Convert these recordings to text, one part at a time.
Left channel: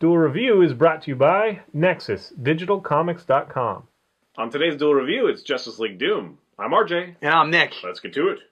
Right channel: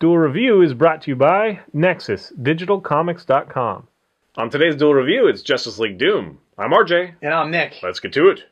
Duel Review is brought to you by NexusDigitalComics.com. On today's Duel Review, it's Justice League Doom. I'm RJ. And I'm Nick. Let's get to it.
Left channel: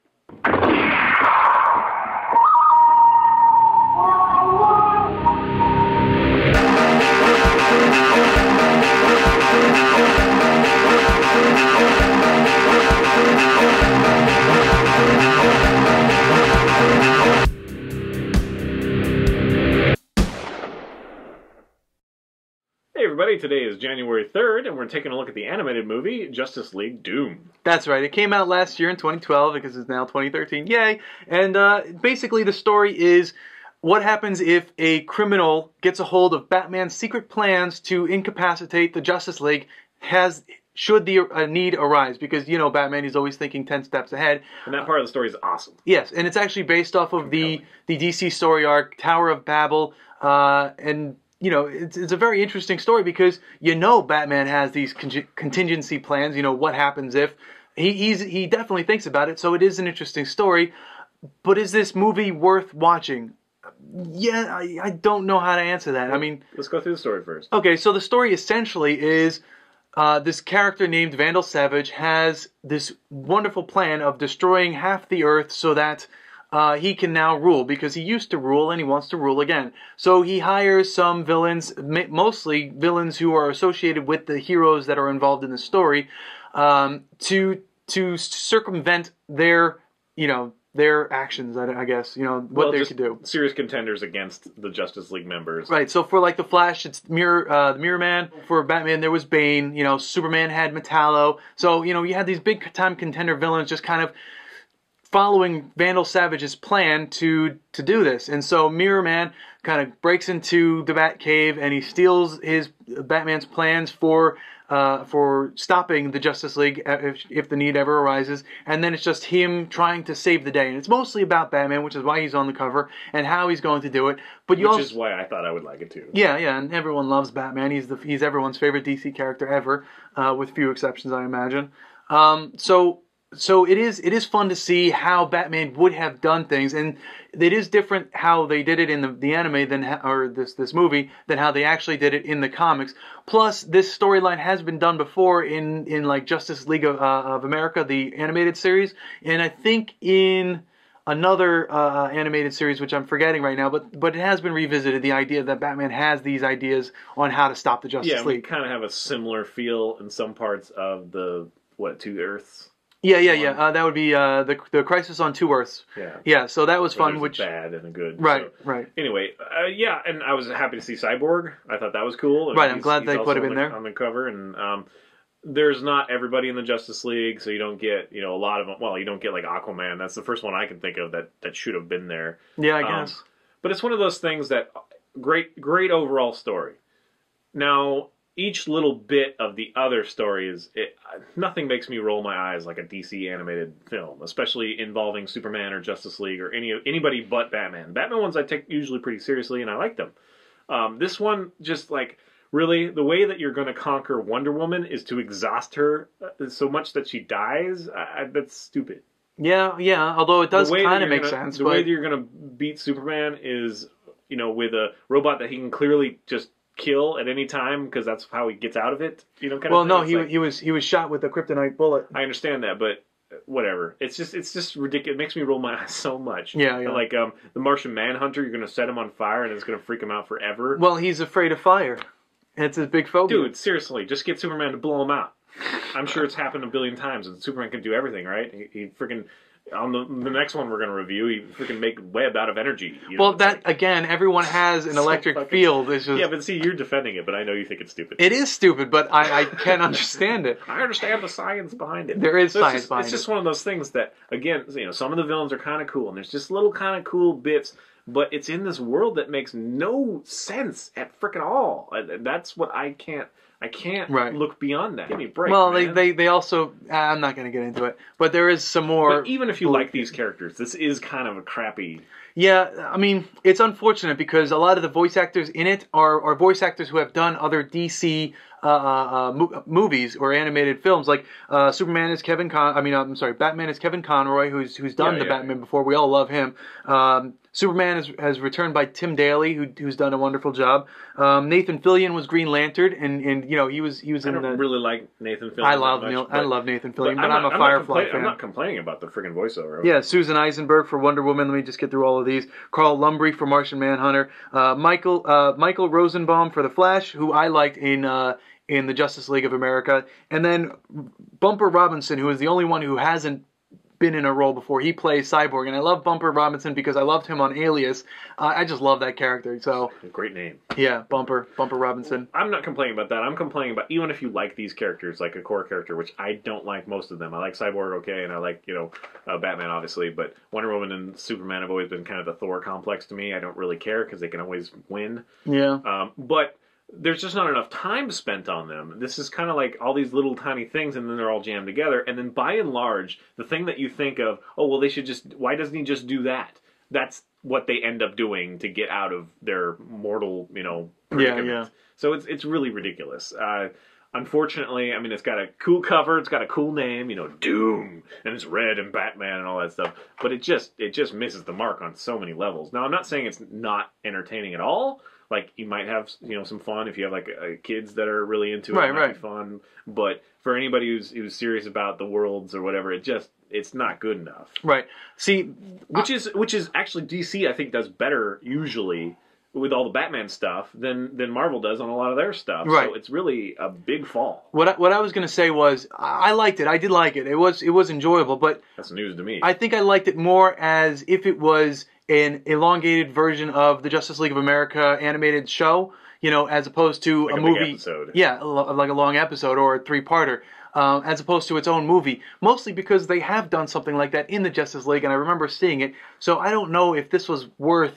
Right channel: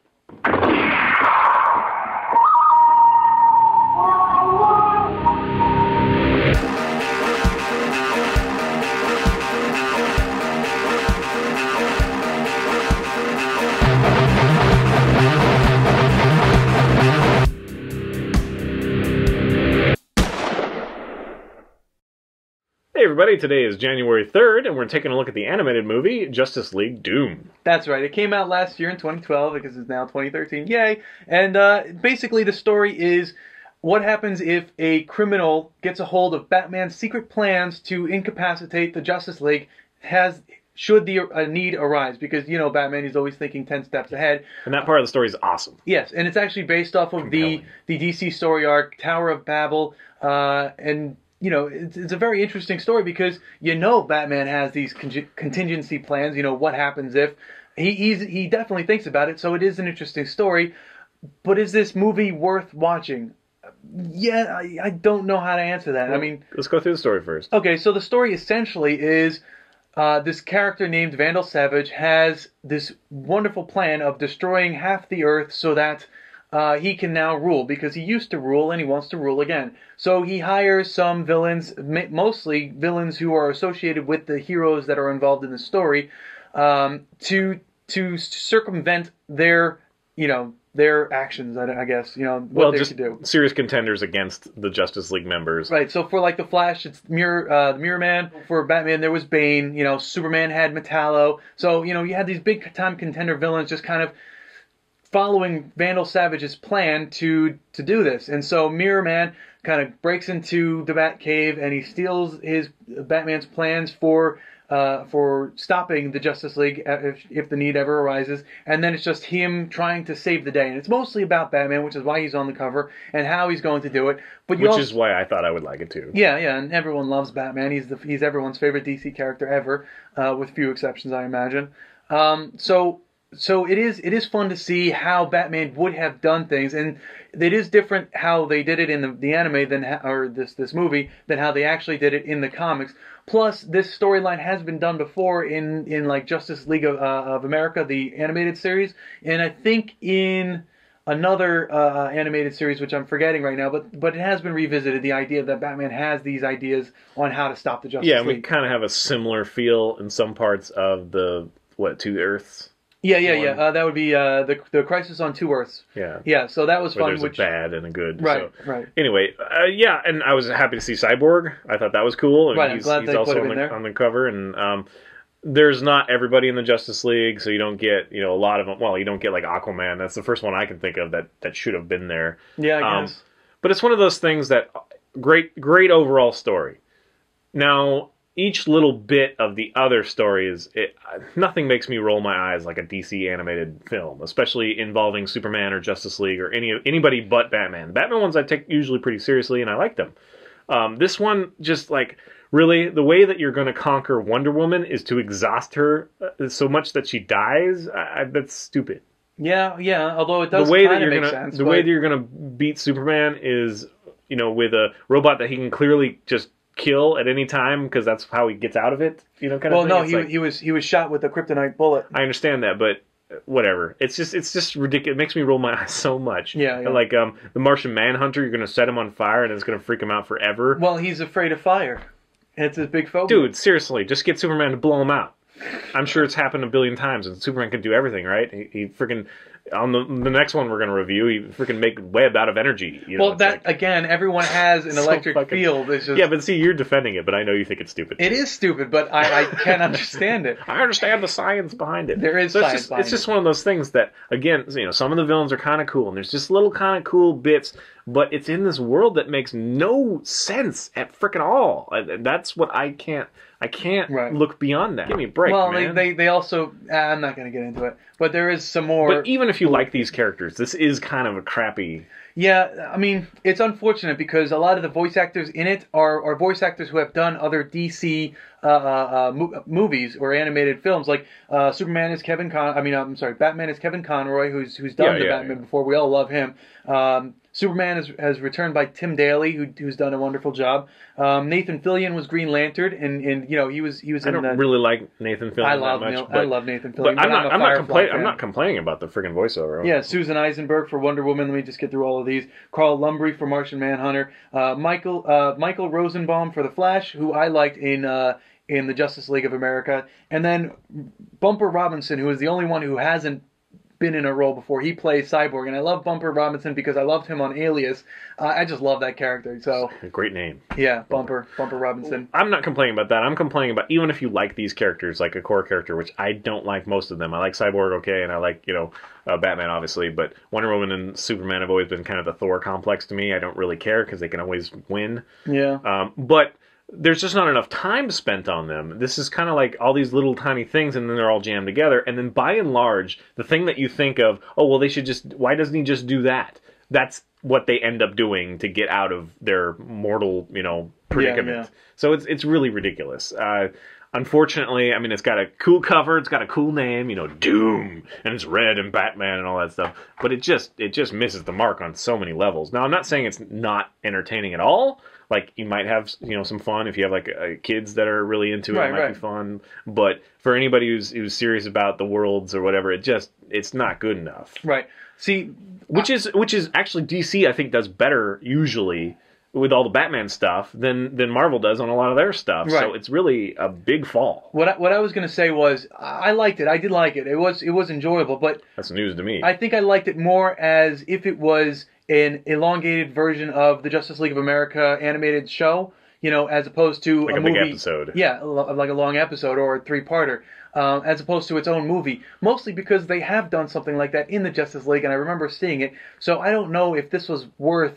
Hey everybody, today is January 3rd, and we're taking a look at the animated movie, Justice League Doom. That's right. It came out last year in 2012 because it's now 2013. Yay! And basically the story is what happens if a criminal gets a hold of Batman's secret plans to incapacitate the Justice League should the need arise. Because, you know, Batman is always thinking 10 steps ahead. And that part of the story is awesome. Yes, and it's actually based off of the DC story arc, Tower of Babel, and... You know, it's a very interesting story because you know Batman has these contingency plans. You know, what happens if he definitely thinks about it. So it is an interesting story. But is this movie worth watching? Yeah, I don't know how to answer that. I mean, let's go through the story first. Okay, so the story essentially is this character named Vandal Savage has this wonderful plan of destroying half the Earth so that he can now rule, because he used to rule and he wants to rule again. So he hires some villains, mostly villains who are associated with the heroes that are involved in the story, to circumvent their actions, I guess, what they should do. Serious contenders against the Justice League members. Right, so for like the Flash, it's the Mirror Man. For Batman, there was Bane. Superman had Metallo. So, you had these big time contender villains just kind of following Vandal Savage's plan to do this. And so Mirror Man kind of breaks into the Batcave and he steals Batman's plans for stopping the Justice League if the need ever arises. And then it's just him trying to save the day. And it's mostly about Batman, which is why he's on the cover, and how he's going to do it. But which is why I thought I would like it too. Yeah, and everyone loves Batman. He's everyone's favorite DC character ever, with few exceptions, I imagine. So it is fun to see how Batman would have done things, and it is different how they did it in the anime this movie than how they actually did it in the comics. Plus, this storyline has been done before in like Justice League of America, the animated series, and I think in another animated series, which I'm forgetting right now, but it has been revisited, the idea that Batman has these ideas on how to stop the Justice League. Yeah, we kind of have a similar feel in some parts of the, Two Earths? Yeah. That would be the Crisis on Two Earths. Yeah. So that was fun. There's a bad and a good. Right. Anyway, and I was happy to see Cyborg. I thought that was cool. And right. I'm glad he's they also put him in there on the cover, and there's not everybody in the Justice League, so you don't get a lot of them. Well, you don't get like Aquaman. That's the first one I can think of that should have been there. Yeah, I guess. But it's one of those things that great overall story. Now, each little bit of the other story nothing makes me roll my eyes like a DC animated film, especially involving Superman or Justice League or anybody but Batman. Batman ones I take usually pretty seriously, and I like them. This one, just like, really, the way that you're going to conquer Wonder Woman is to exhaust her so much that she dies. That's stupid. Yeah. Although it does kind of make sense. The way that you're going to beat Superman is, with a robot that he can clearly just kill at any time, because that's how he gets out of it, kind of thing. Well, no, he was shot with a kryptonite bullet. I understand that, but whatever. It's just ridiculous. It makes me roll my eyes so much. Yeah. Like the Martian Manhunter, you're going to set him on fire and it's going to freak him out forever. Well, he's afraid of fire. It's his big phobia. Dude, seriously, just get Superman to blow him out. I'm sure it's happened a billion times, and Superman can do everything, right? He freaking... On the next one we're going to review, he freaking make web out of energy. Again, everyone has an electric field. It's just... Yeah, but see, you're defending it, but I know you think it's stupid. It is stupid, but I can't understand it. I understand the science behind it. There is science behind it. It's just one of those things that, again, some of the villains are kind of cool, and there's just little kind of cool bits, but it's in this world that makes no sense at frickin' all. That's what I can't look beyond that. Give me a break, man. They also... I'm not going to get into it. But there is some more... But even if you like these characters, this is kind of a crappy... Yeah, I mean, it's unfortunate because a lot of the voice actors in it are voice actors who have done other DC movies or animated films. Like Superman is Batman is Kevin Conroy, who's done the Batman before. We all love him. Superman has returned by Tim Daly, who's done a wonderful job. Nathan Fillion was Green Lantern, and he was. I don't really like Nathan Fillion that much. I love Nathan Fillion. But I'm not complaining about the freaking voiceover. Yeah, Susan Eisenberg for Wonder Woman. Let me just get through all of these. Carl Lumbly for Martian Manhunter. Michael Rosenbaum for the Flash, who I liked in the Justice League of America, and then Bumper Robinson, who is the only one who hasn't been in a role before. He plays Cyborg, and I love Bumper Robinson because I loved him on Alias. I just love that character. So great name. Yeah, Bumper Robinson. I'm not complaining about that. I'm complaining about even if you like these characters, like a core character, which I don't like most of them. I like Cyborg, okay, and I like Batman, obviously, but Wonder Woman and Superman have always been kind of the Thor complex to me. I don't really care because they can always win. Yeah. But there's just not enough time spent on them. This is kind of like all these little tiny things, and then they're all jammed together. And then by and large, the thing that you think of, oh, well, why doesn't he just do that? That's what they end up doing to get out of their mortal, predicament. Yeah. So it's really ridiculous. Unfortunately, I mean, it's got a cool cover, it's got a cool name, Doom, and it's red and Batman and all that stuff. But it just misses the mark on so many levels. Now, I'm not saying it's not entertaining at all. Like, you might have, some fun if you have, like, kids that are really into it. It might be fun. But for anybody who's serious about the worlds or whatever, it's not good enough. Right. See... Which is actually DC, I think, does better, usually, with all the Batman stuff than Marvel does on a lot of their stuff. Right. So it's really a big fall. What I was going to say was, I liked it. I did like it. It was enjoyable, but... That's news to me. I think I liked it more as if it was an elongated version of the Justice League of America animated show, as opposed to like a movie. Big episode. Yeah, like a long episode or a 3-parter, as opposed to its own movie. Mostly because they have done something like that in the Justice League, and I remember seeing it. So I don't know if this was worth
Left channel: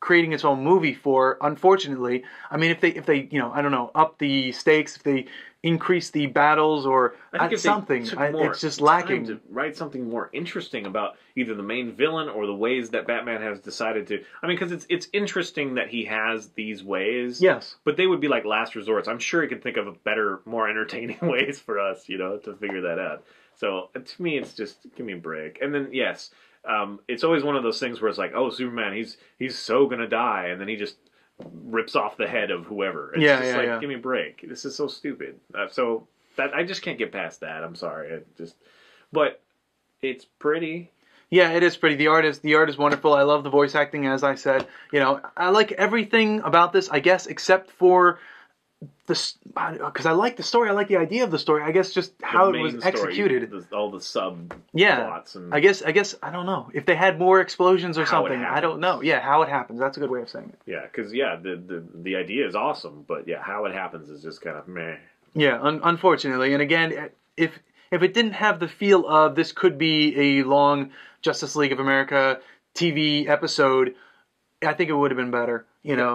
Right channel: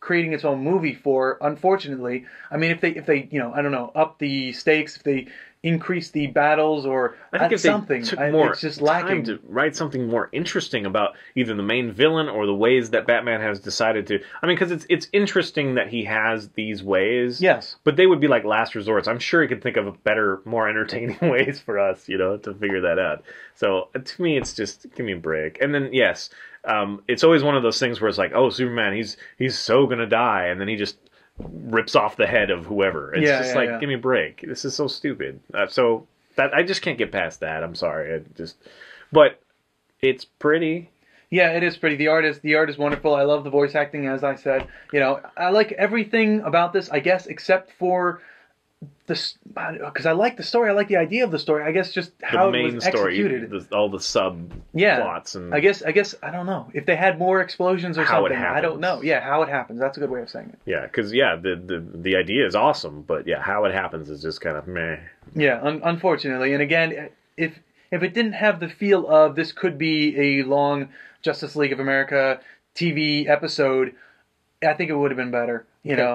creating its own movie for, unfortunately. I mean, if they I don't know, up the stakes, if they increase the battles or I think something. Took more it's just lacking. time to write something more interesting about either the main villain or the ways that Batman has decided to. I mean, because it's interesting that he has these ways. Yes. But they would be like last resorts. I'm sure he could think of better, more entertaining ways for us, to figure that out. So to me, it's just give me a break. And then yes, it's always one of those things where it's like, oh, Superman, he's so gonna die, and then he just rips off the head of whoever. It's give me a break. This is so stupid. So that I just can't get past that. I'm sorry. But it's pretty. Yeah, it is pretty. The art is wonderful. I love the voice acting, as I said. I like everything about this, I guess, except for because I like the story. I like the idea of the story. I guess just how it was executed. All the sub plots and I guess I don't know if they had more explosions or something. I don't know. Yeah, how it happens. That's a good way of saying it. Yeah, because the idea is awesome, but yeah, how it happens is just kind of meh. Yeah, unfortunately, and again, if it didn't have the feel of this could be a long Justice League of America TV episode, I think it would have been better.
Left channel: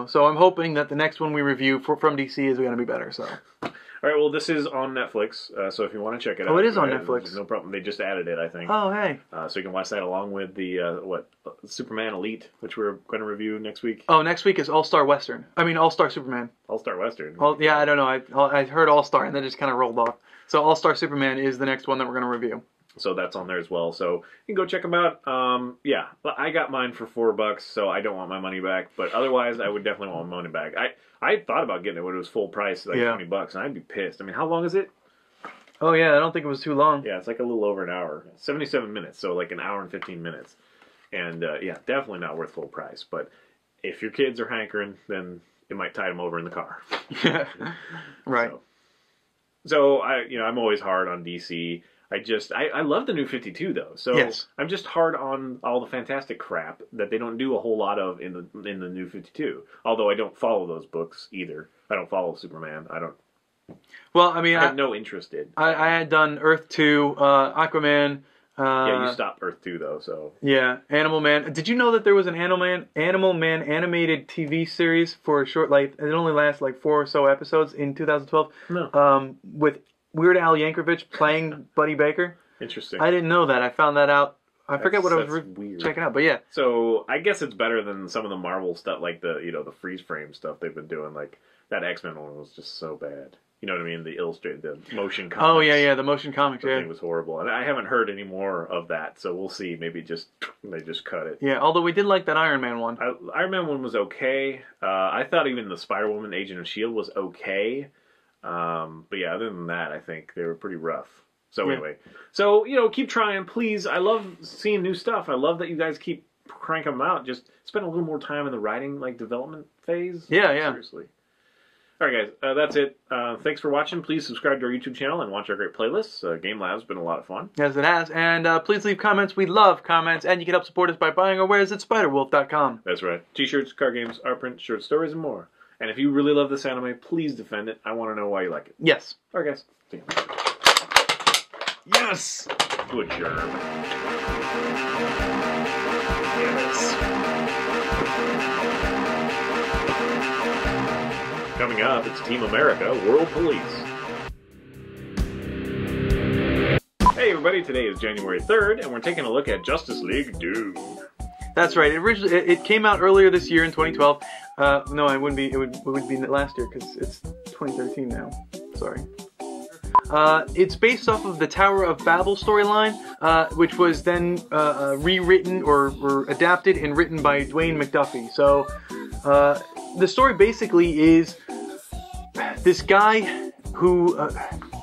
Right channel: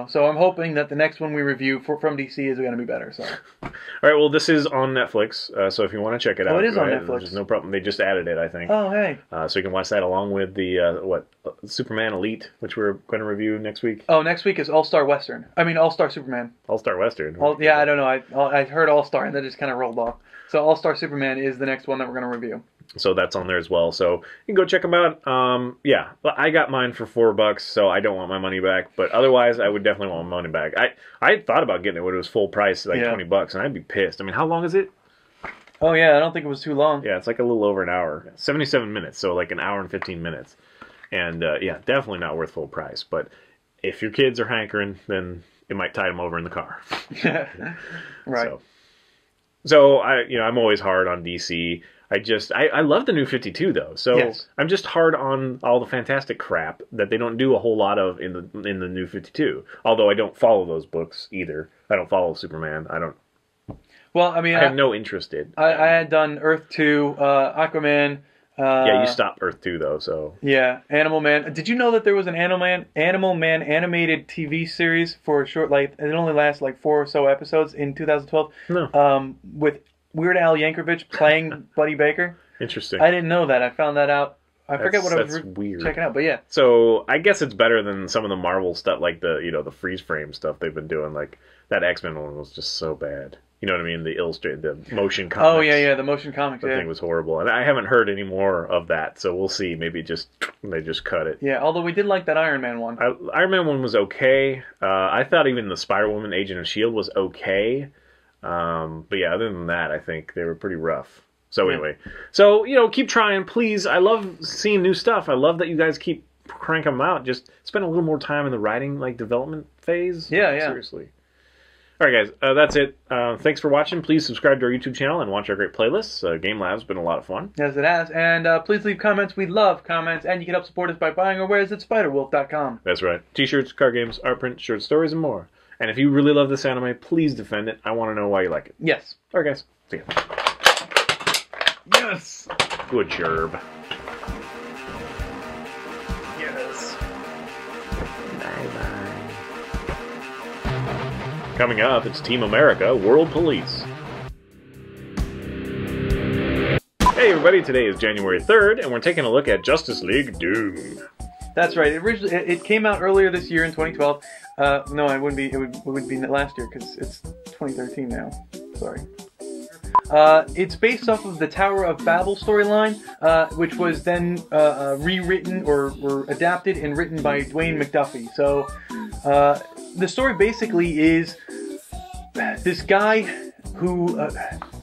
So I'm hoping that the next one we review from DC is going to be better. So, all right. Well, this is on Netflix, so if you want to check it out, it is on Netflix. There's no problem. They just added it, I think. Oh, hey. So you can watch that along with the Superman Elite, which we're going to review next week. Oh, next week is All-Star Western. I mean, All-Star Superman. All-Star Western. Yeah, I don't know. I heard All-Star and then just kind of rolled off. So All-Star Superman is the next one that we're going to review. So that's on there as well. So you can go check them out. Yeah, I got mine for $4, so I don't want my money back. But otherwise, I would definitely want my money back. I thought about getting it when it was full price, like $20, and I'd be pissed. I mean, how long is it? Oh yeah, I don't think it was too long. Yeah, it's like a little over an hour, 77 minutes, so like an hour and 15 minutes. And yeah, definitely not worth full price. But if your kids are hankering, then it might tide them over in the car. Right. So I'm always hard on DC. I love the new 52 though, so yes. I'm just hard on all the Fantastic crap that they don't do a whole lot of in the new 52. Although I don't follow those books either. I don't follow Superman. I don't. Well, I mean, I have no interest in. I had done Earth 2, Aquaman. Yeah, you stopped Earth 2 though, so. Yeah, Animal Man. Did you know that there was an Animal Man animated TV series for a short, it only lasts 4 or so episodes in 2012? No. With Weird Al Yankovic playing Buddy Baker. Interesting. I didn't know that. I found that out. I forget what I was checking out, but yeah. So I guess it's better than some of the Marvel stuff, like the freeze frame stuff they've been doing. Like that X-Men one was just so bad. You know what I mean? The illustrated, the motion Oh comics. yeah, the motion comics. The Yeah. thing was horrible, and I haven't heard any more of that. So we'll see. Maybe they just cut it. Yeah, although we did like that Iron Man one. Iron Man one was okay. I thought even the Spider-Woman Agent of S.H.I.E.L.D. was okay. But yeah, other than that, I think they were pretty rough. So anyway, so keep trying, please. I love seeing new stuff. I love that you guys keep cranking them out. Just spend a little more time in the writing development phase. Yeah. Seriously. All right, guys, that's it. Thanks for watching. Please subscribe to our YouTube channel and watch our great playlists. Game Lab's been a lot of fun. Yes, it has. And please leave comments. We love comments. And you can help support us by buying our wares at spiderwolf.com. That's right. T-shirts, card games, art print, short stories, and more. And if you really love this anime, please defend it. I want to know why you like it. Yes. All right, guys. See you. Yes. Good job. Yes. Coming up, it's Team America World Police. Hey everybody, today is January 3rd, and we're taking a look at Justice League Doom. That's right. It came out earlier this year in 2012. No, it wouldn't be. It would be last year because it's 2013 now. Sorry. It's based off of the Tower of Babel storyline, which was then rewritten or adapted and written by Dwayne McDuffie. So the story basically is this guy who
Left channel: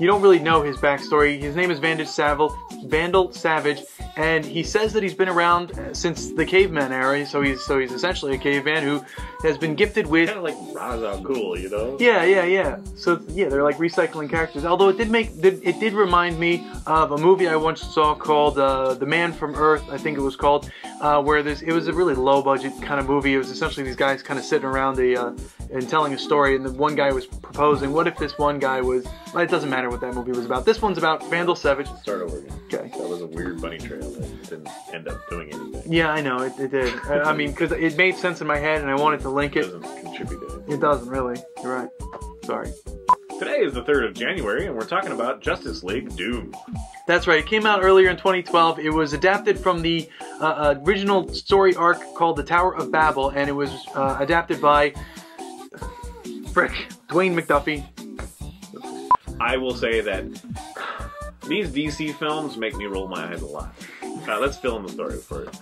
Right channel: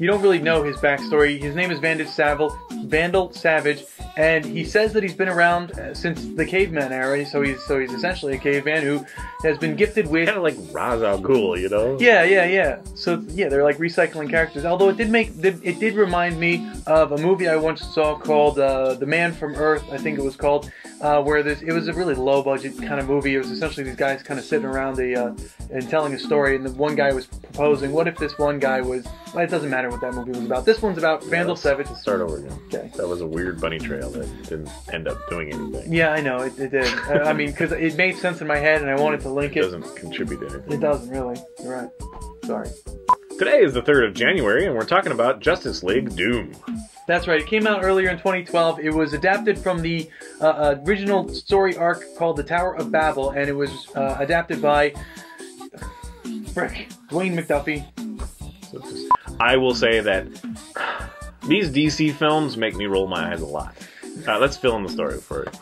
you don't really know his backstory. His name is Vandal Savage, and he says that he's been around since the caveman era. So he's essentially a caveman who has been gifted with kind of like Ra's al Ghul, Yeah. So yeah, they're like recycling characters. Although it did remind me of a movie I once saw called The Man from Earth, I think it was called, where it was a really low budget kind of movie. It was essentially these guys kind of sitting around and telling a story, and the one guy was proposing, what if this one guy was... Well, it doesn't matter what that movie was about. This one's about Vandal Savage. Let's start over again. Okay. That was a weird bunny trail that didn't end up doing anything. Yeah, I know, it did. I mean, because it made sense in my head, and I wanted to link it. It doesn't contribute to anything. It doesn't, really. You're right. Sorry. Today is the 3rd of January, and we're talking about Justice League Doom. That's right. It came out earlier in 2012. It was adapted from the original story arc called The Tower of Babel, and it was adapted by Dwayne McDuffie. I will say that these DC films make me roll my eyes a lot. Let's fill in the story for it.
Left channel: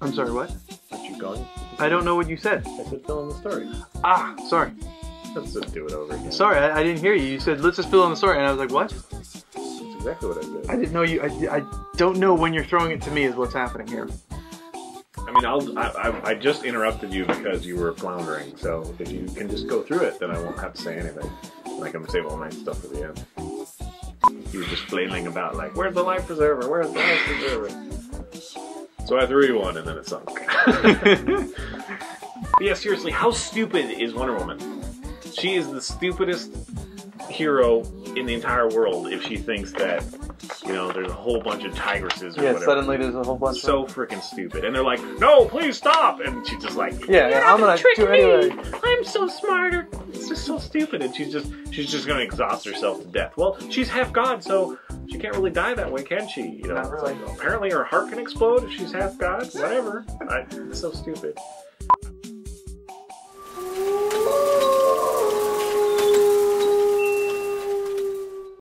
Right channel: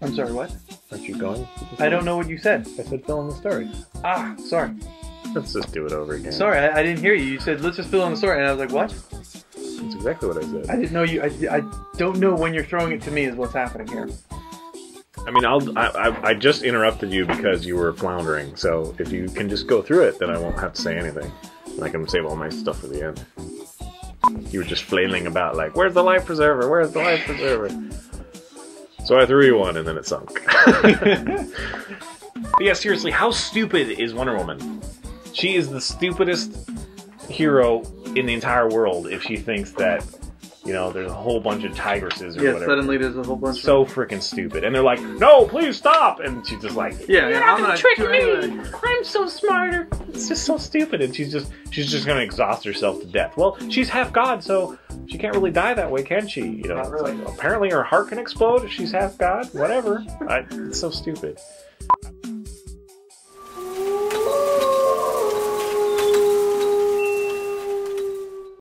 I'm sorry, what? Aren't you going? I don't know what you said. I said fill in the story. Ah, sorry. Let's just do it over again. Sorry, I didn't hear you. You said, let's just fill in the story, and I was like, what? That's exactly what I said. I didn't know you. I don't know when you're throwing it to me is what's happening here. I mean, I just interrupted you because you were floundering, so if you can just go through it, then I won't have to say anything. And I can save all my stuff for the end. You were just flailing about like, where's the life preserver? Where's the life preserver? So I threw you one, and then it sunk. But yeah, seriously, how stupid is Wonder Woman? She is the stupidest hero in the entire world if she thinks that, there's a whole bunch of tigresses or whatever. Suddenly there's a whole bunch so freaking stupid. And they're like, no, please stop! And she's just like, I'm gonna trick do it me! anyway. I'm so smarter. It's just so stupid. And she's just gonna exhaust herself to death. Well, she's half god, so she can't really die that way, can she? Not really. Apparently her heart can explode if she's half god. Whatever. It's so stupid.